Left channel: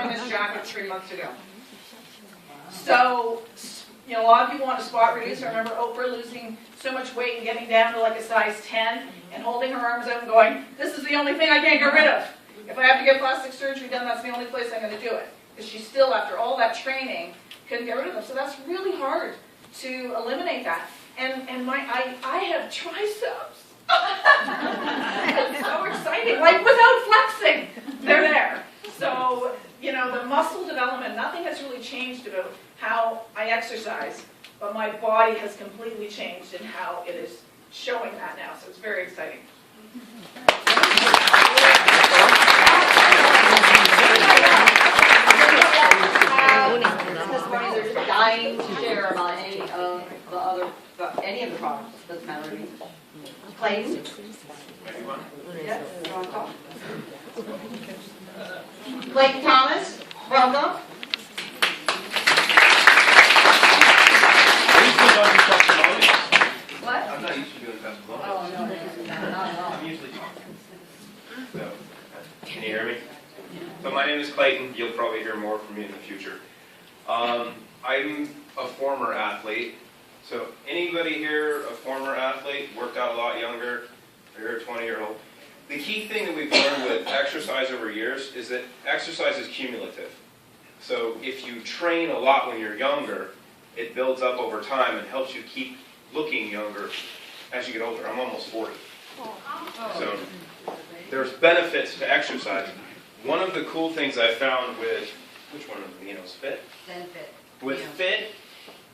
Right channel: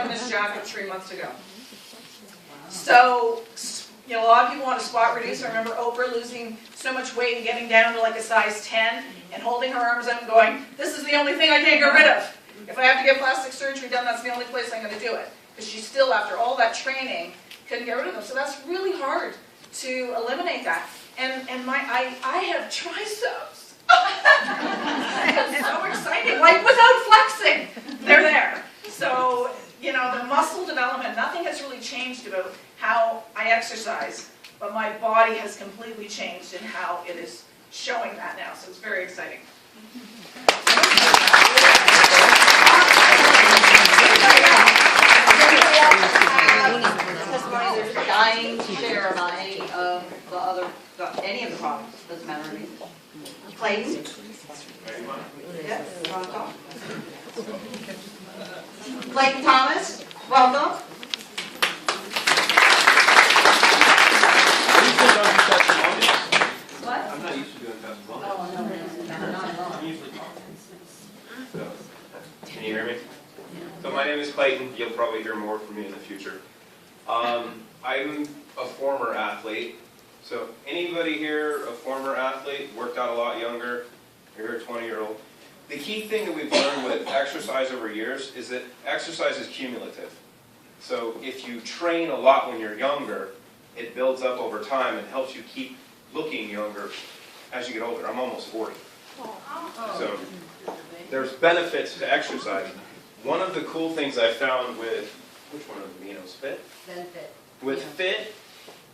worn this jacket 3 months ago. So, you know, a lot of people want to spot reduce. I remember Oprah losing so much weight and getting down to like a size 10 and holding her arms out and going, this is the only thing I can't get rid of. If I have to get plastic surgery done, that's the only place I'm going to do it. Because she still, after all that training, couldn't get rid of them. So that's really hard to eliminate that. And I have triceps. It's so exciting. Like without flexing, they're there. So, you know, the muscle development, nothing has really changed about how I exercise, but my body has completely changed in how it is showing that now. So it's very exciting. They're just dying to share about any of the products. Doesn't matter who. Clayton? Yes, welcome. Clayton Thomas, welcome. What? I'm not used to doing testimonials. Oh, no, not at all. I'm usually so, can you hear me? So my name is Clayton. You'll probably hear more from me in the future. I'm a former athlete. So anybody here a former athlete, worked out a lot younger, or you're a 20-year-old? The key thing that we've learned with exercise over years is that exercise is cumulative. So if you train a lot when you're younger, it builds up over time and helps you keep looking younger as you get older. I'm almost 40. So there's benefits to exercise. One of the cool things I found with, which one of the Aminos? Fit? Fit. With Fit,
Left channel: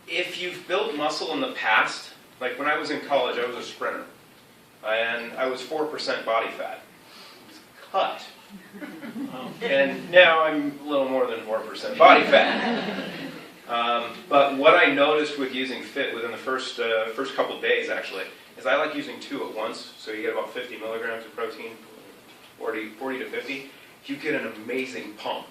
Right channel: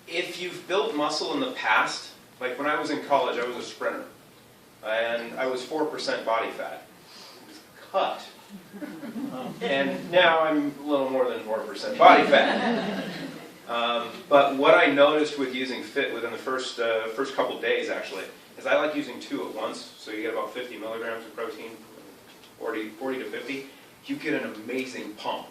if you've built muscle in the past, like when I was in college, I was a sprinter. And I was 4% body fat. It was cut. And now I'm a little more than 4% body fat. But what I noticed with using Fit within the first couple days, actually, is I like using 2 at once. So you get about 50 milligrams of protein, 40 to 50. You get an amazing pump.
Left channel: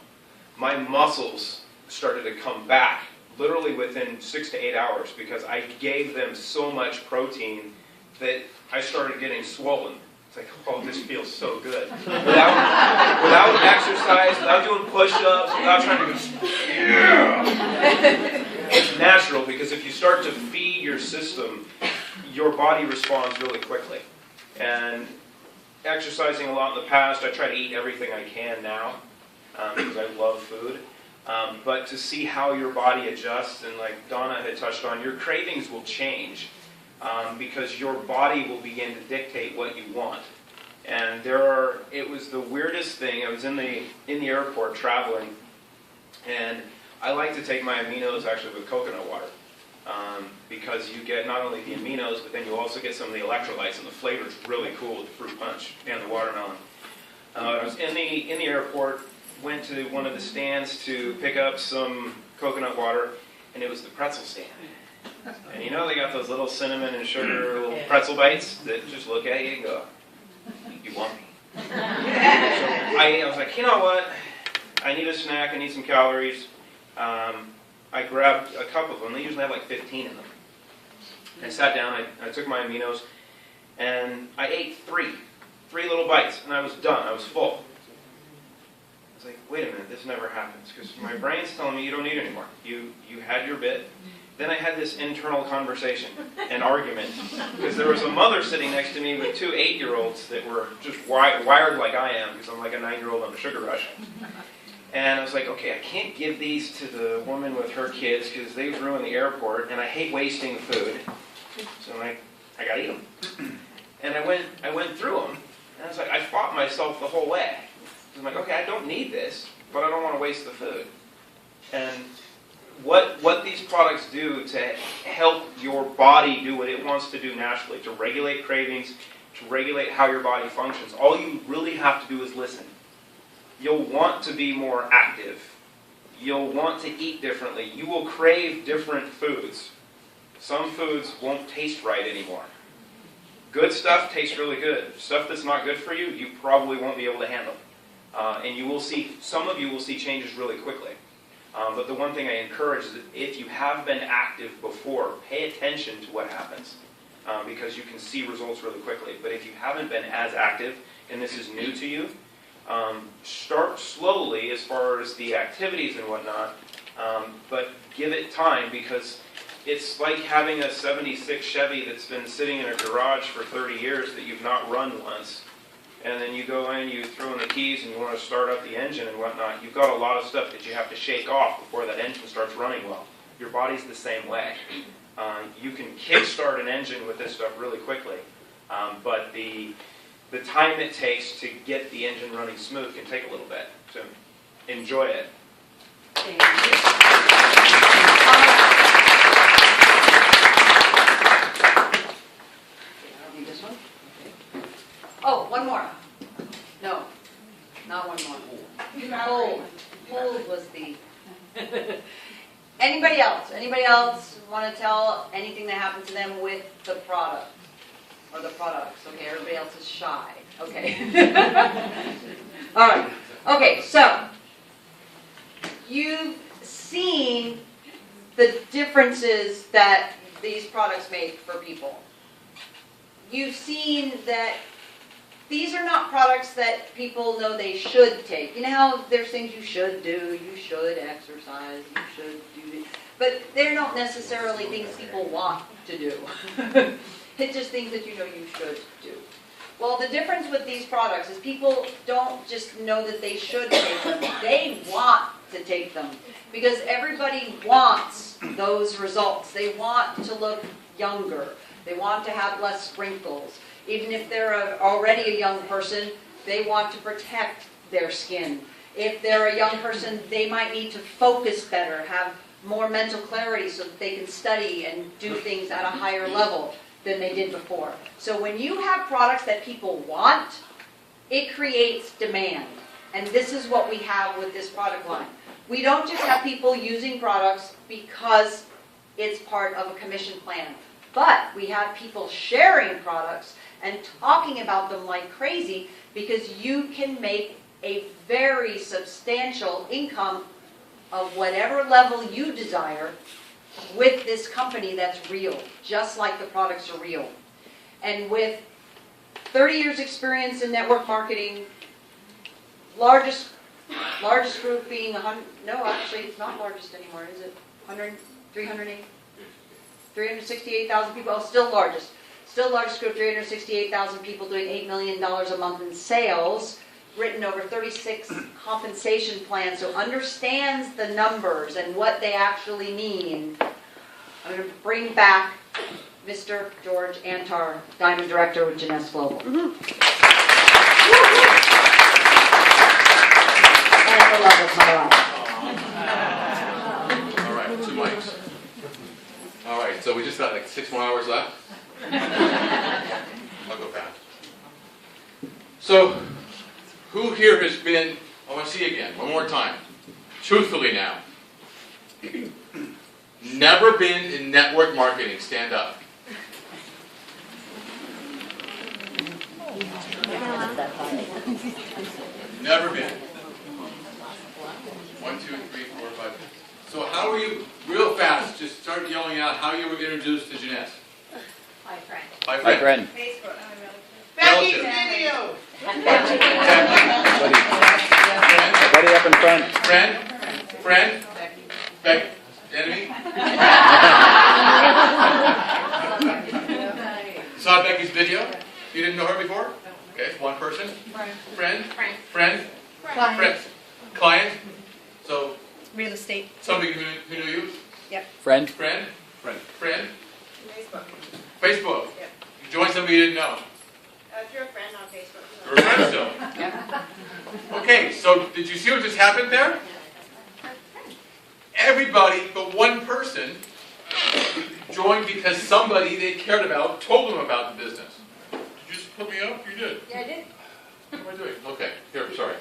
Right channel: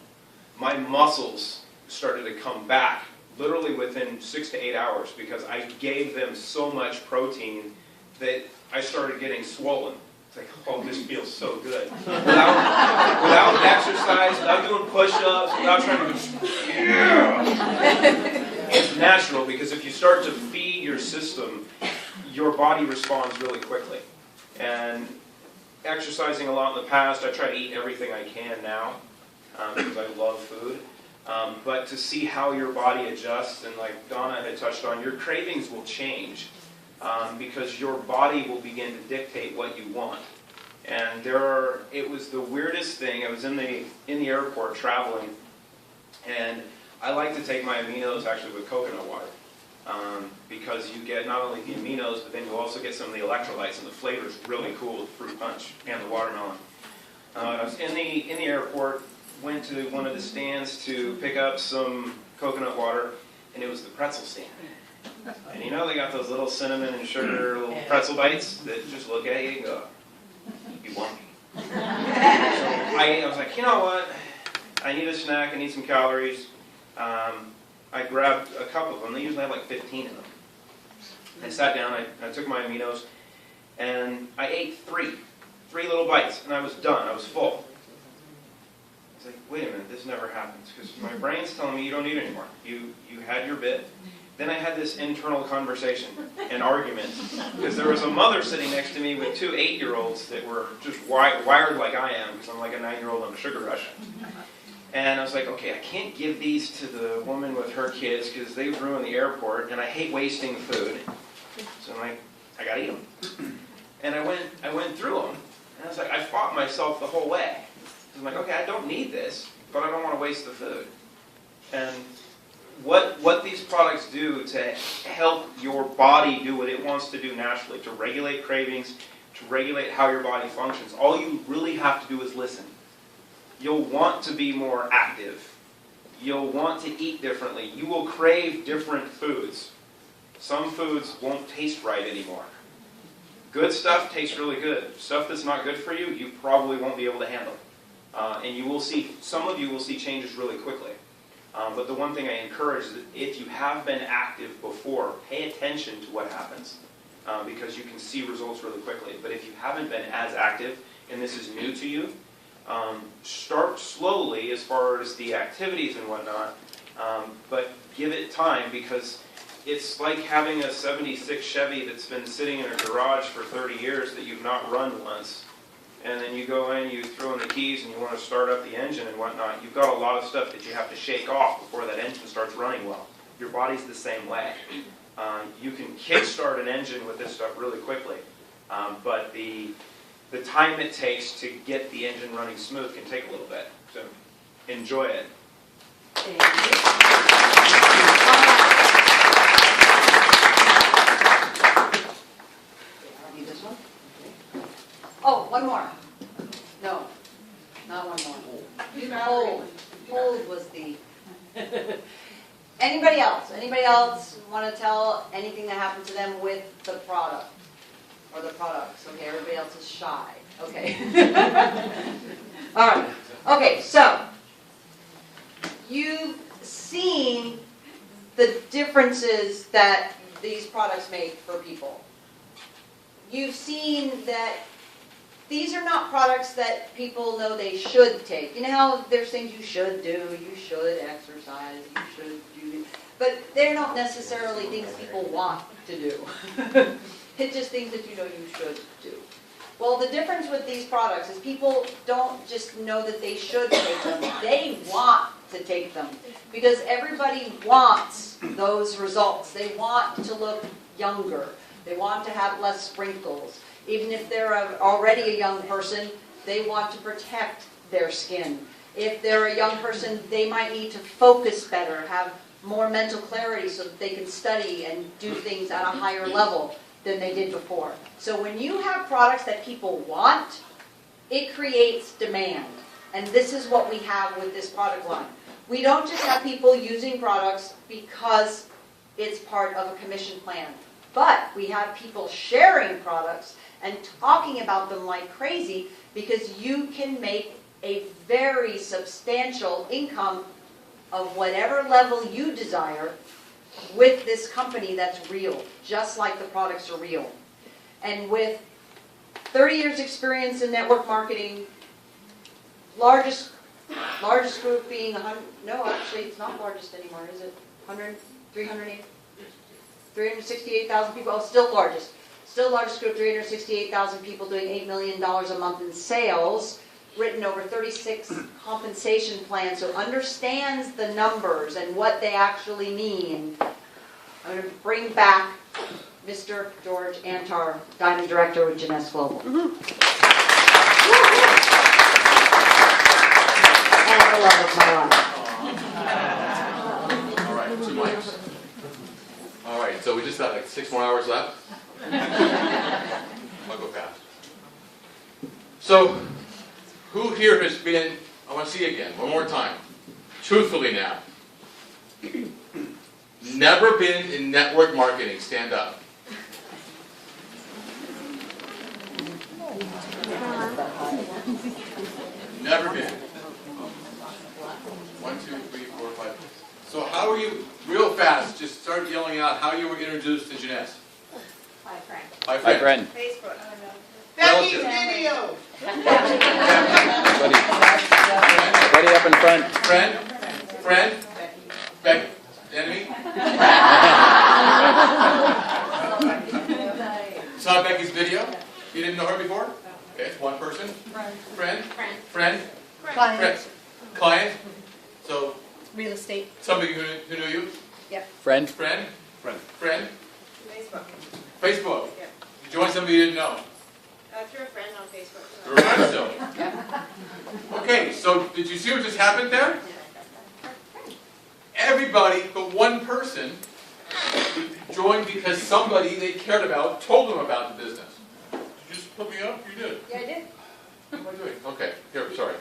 My muscles started to come back literally within 6 to 8 hours because I gave them so much protein that I started getting swollen. It's like, oh, this feels so good. Without exercise, without doing push-ups, without trying to it's natural because if you start to feed your system, your body responds really quickly. And exercising a lot in the past, I try to eat everything I can now because I love food. But to see how your body adjusts, and like Donna had touched on, your cravings will change because your body will begin to dictate what you want. And it was the weirdest thing. I was in the airport traveling, and I like to take my aminos actually with coconut water because you get not only the aminos, but then you also get some of the electrolytes, and the flavor is really cool with fruit punch and the watermelon. I was in the airport, went to one of the stands to pick up some coconut water, and it was the pretzel stand. And you know they got those little cinnamon and sugar little pretzel bites that just look at you and go, you want me? So I was like, you know what? I need a snack, I need some calories. I grabbed a couple of them. They usually have like 15 in them. I sat down, I took my aminos, and I ate three little bites, and I was done. I was full. I was like, wait a minute, this never happens, because my brain's telling me you don't need any more. You had your bit. Then I had this internal conversation, an argument, because there was a mother sitting next to me with 2 8-year-olds that were just wired like I am, because I'm like a 9-year-old on a sugar rush. And I was like, okay, I can't give these to the woman with her kids because they ruin the airport, and I hate wasting food. So I'm like, I gotta eat them. And I went through them, and I was like, I fought myself the whole way. So I'm like, okay, I don't need this, but I don't want to waste the food. And what these products do to help your body do what it wants to do naturally, to regulate cravings, to regulate how your body functions, all you really have to do is listen. You'll want to be more active. You'll want to eat differently. You will crave different foods. Some foods won't taste right anymore. Good stuff tastes really good. Stuff that's not good for you, you probably won't be able to handle. And you will see, some of you will see changes really quickly. But the one thing I encourage is that if you have been active before, pay attention to what happens because you can see results really quickly. But if you haven't been as active and this is new to you, Start slowly as far as the activities and whatnot, but give it time, because it's like having a 76 Chevy that's been sitting in a garage for 30 years that you've not run once. And then you go in, you throw in the keys, and you want to start up the engine and whatnot. You've got a lot of stuff that you have to shake off before that engine starts running well. Your body's the same way. You can kickstart an engine with this stuff really quickly, but the time it takes to get the engine running smooth can take a little bit. So enjoy it. Thank you. I'll read this one. Oh, one more. No, not one more. Hold was the. Anybody else? Anybody else want to tell anything that happened to them with the product or the products? Okay, everybody else is shy. Okay. All right. Okay, so you've seen the differences that these products make for people. You've seen that these are not products that people know they should take. You know how there's things you should do, you should exercise, you should do, but they're not necessarily things people want to do. It's just things that you know you should do. Well, the difference with these products is people don't just know that they should take them, they want to take them. Because everybody wants those results. They want to look younger. They want to have less wrinkles. Even if they're already a young person, they want to protect their skin. If they're a young person, they might need to focus better, have more mental clarity so that they can study and do things at a higher level than they did before. So when you have products that people want, it creates demand. And this is what we have with this product line. We don't just have people using products because it's part of a commission plan, but we have people sharing products and talking about them like crazy because you can make a very substantial income of whatever level you desire with this company that's real, just like the products are real. And with 30 years experience in network marketing, largest group being 100, no, actually it's not largest anymore, is it? 100, 308? 368,000 people, oh, still largest. Still largest group, 368,000 people doing $8 million a month in sales, written over 36 compensation plans, so understands the numbers and what they actually mean. I'm going to bring back Mr. George Antar, Diamond Director with Jeunesse Global. And the love of my life. All right, 2 mics. All right, so we just got like 6 more hours left. I'll go fast. So, who here has been, I want to see again, one more time, truthfully now, never been in network marketing? Stand up. Never been. 1, 2, 3, 4, 5. So how were you, real fast, just start yelling out how you were introduced to Jeunesse? Hi, Frank. By My friend. Facebook. Relative. Video. Buddy up in front. Friend? Becky? Enemy? Saw Becky's video? You didn't know her before? Okay, one person? Friend? Client? So, Real estate. somebody who knew you? Friend. Friend? Facebook. Facebook? Yep. You joined somebody you didn't know? Through a friend on Facebook. You're a friend still. Okay, so did you see what just happened there? Everybody but one person joined because somebody they cared about told them about the business. Did you just put me up? You did. Yeah, I did. What am I doing? Okay, here, sorry.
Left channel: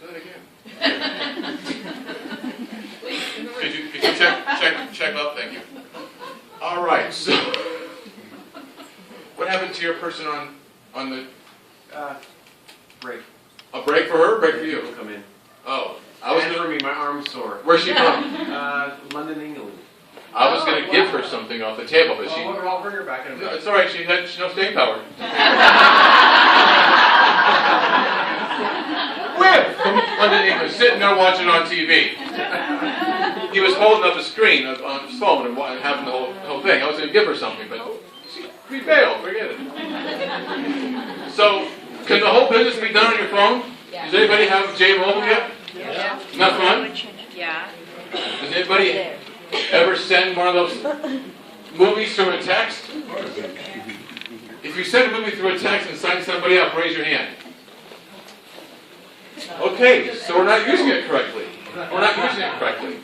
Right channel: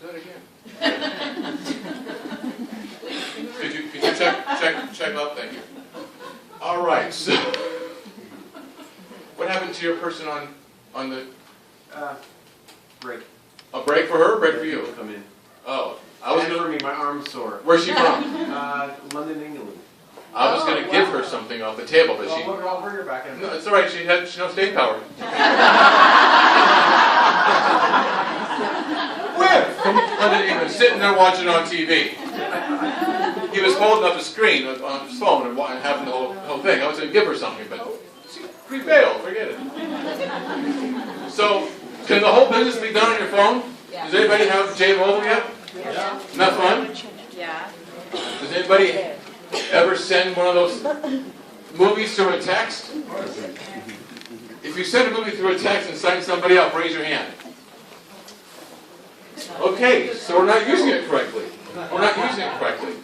Do that again. Could you check up? Thank you. All right, so what happened to your person on the Break. a break for her, break for you? Come in. Oh, I was And for gonna, me, my arm's sore. where's she from? London, England. I was gonna give her something off the table, but Well, I'll bring her back in a no, minute. it's all right. She had no staying power. somebody and was sitting there watching on TV. He was holding up a screen on his phone and having the whole thing. I was going to give her something, but we failed. Forget it. So, can the whole business be done on your phone? Does anybody have J Mobile yet? Yeah. Not fun? Yeah. Does anybody ever send one of those movies through a text? If you send a movie through a text and sign somebody up, raise your hand. Okay, so we're not using it correctly. We're not using it correctly.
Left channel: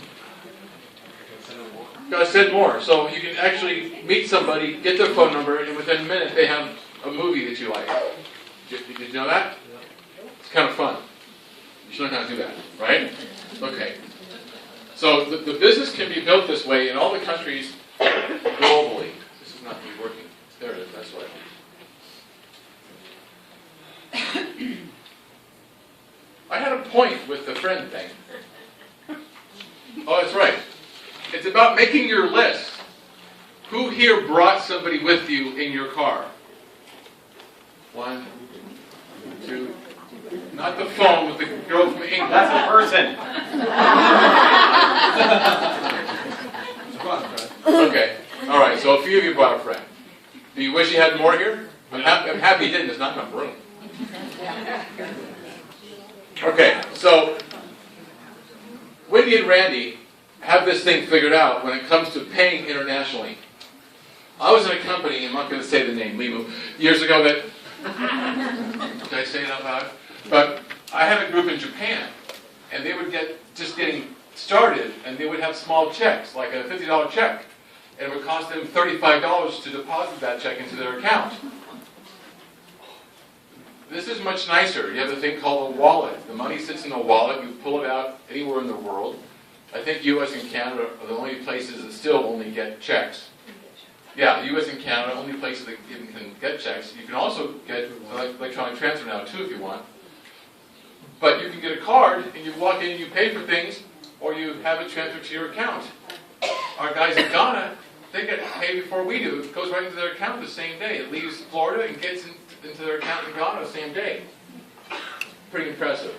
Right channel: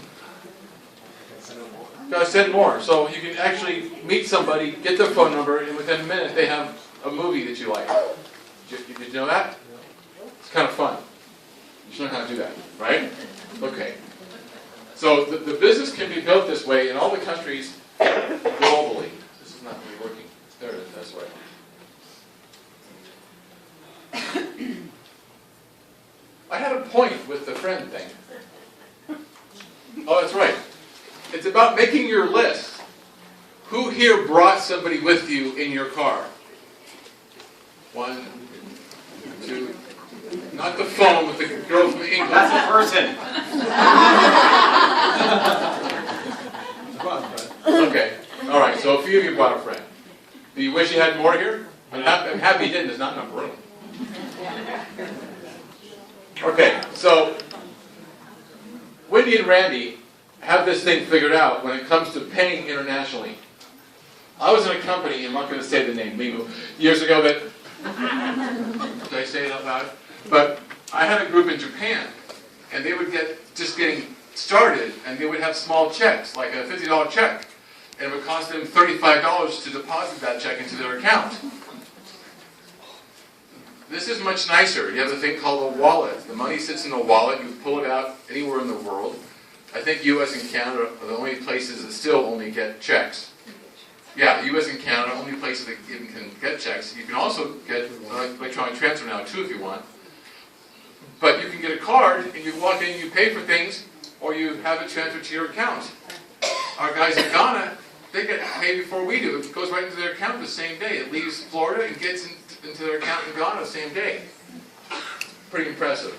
Gotta send more. So you can actually meet somebody, get their phone number, and within a minute they have a movie that you like. Did you know that? It's kind of fun. You should learn how to do that, right? Okay. So the business can be built this way in all the countries globally. This is not really working. There it is. That's right. I had a point with the friend thing. Oh, that's right. It's about making your list. Who here brought somebody with you in your car? 1, 2. Not the phone with the girl from England. That's a person. Okay. All right. So a few of you brought a friend. Do you wish you had more here? I'm happy you didn't. There's not enough room. Okay. So Wendy and Randy have this thing figured out when it comes to paying internationally. I was in a company, I'm not going to say the name, Limu, years ago that, did I say it out loud? But I had a group in Japan, and they would just getting started, and they would have small checks, like a $50 check, and it would cost them $35 to deposit that check into their account. This is much nicer. You have a thing called a wallet. The money sits in a wallet, you pull it out anywhere in the world. I think US and Canada are the only places that still only get checks. Yeah, US and Canada are the only places that even can get checks. You can also get electronic transfer now too if you want. But you can get a card and you walk in and you pay for things or you have it transferred to your account. Our guys in Ghana, they get paid before we do. It goes right into their account the same day. It leaves Florida and gets into their account in Ghana the same day. Pretty impressive.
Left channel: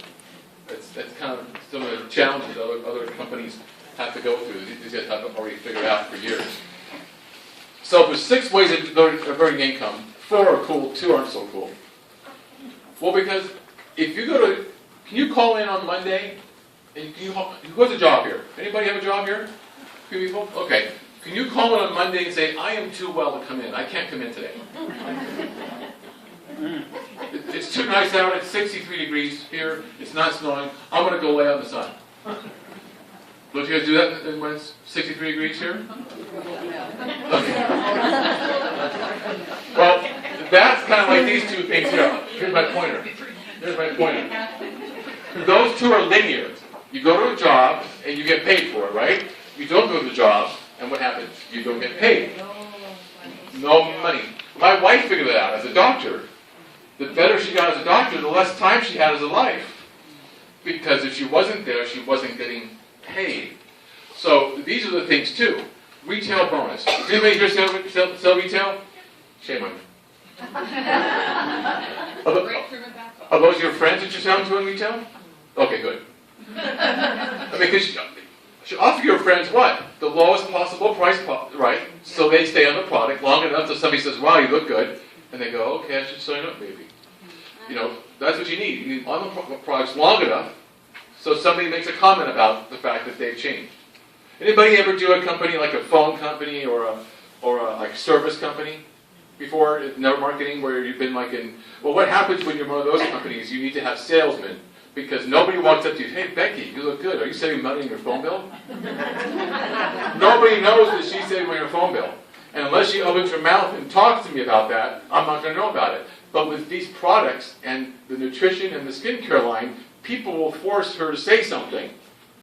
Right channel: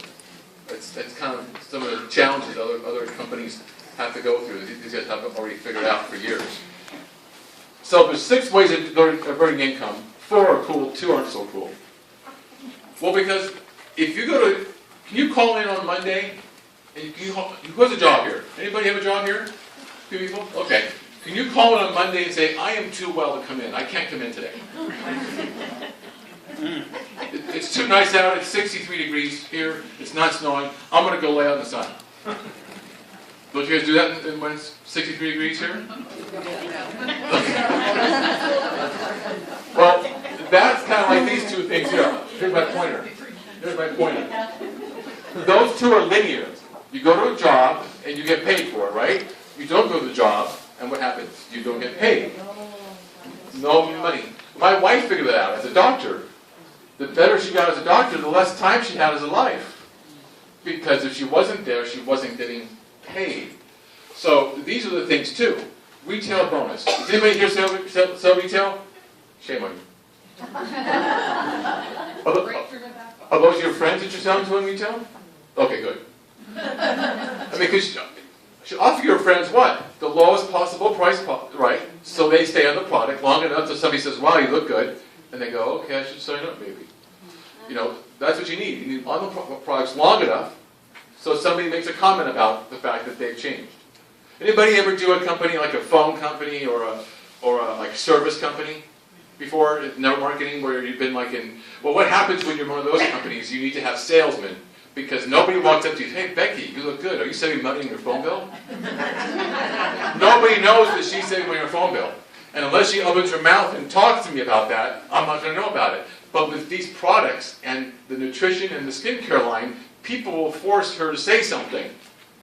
That's kind of some of the challenges other companies have to go through. These guys have already figured out for years. So there's 6 ways of earning income. 4 are cool, 2 aren't so cool. Well, because if you go to, can you call in on Monday? And who has a job here? Anybody have a job here? Few people? Okay. Can you call in on Monday and say, I am too well to come in. I can't come in today. It's too nice out. It's 63 degrees here. It's not snowing. I'm going to go lay out in the sun. Don't you guys do that when it's 63 degrees here? Okay. Well, that's kind of like these 2 things here. Here's my pointer. Here's my pointer. Those 2 are linear. You go to a job and you get paid for it, right? You don't go to the job, and what happens? You don't get paid. No money. My wife figured it out as a doctor. The better she got as a doctor, the less time she had as a life. Because if she wasn't there, she wasn't getting paid. So these are the things too. Retail bonus. Does anybody here sell retail? Shame on you. Are those your friends that you're selling to in retail? Okay, good. I mean, because you offer your friends what? The lowest possible price, right? So they stay on the product long enough till somebody says, wow, you look good. And they go, okay, I should sign up maybe. You know, that's what you need. You need on the products long enough so somebody makes a comment about the fact that they've changed. Anybody ever do a company like a phone company or a like service company before, network marketing, where you've been like in, well, what happens when you're one of those companies? You need to have salesmen because nobody walks up to you, hey, Becky, you look good. Are you saving money in your phone bill? Nobody knows that she's saving money in her phone bill. And unless she opens her mouth and talks to me about that, I'm not going to know about it. But with these products and the nutrition and the skincare line, people will force her to say something.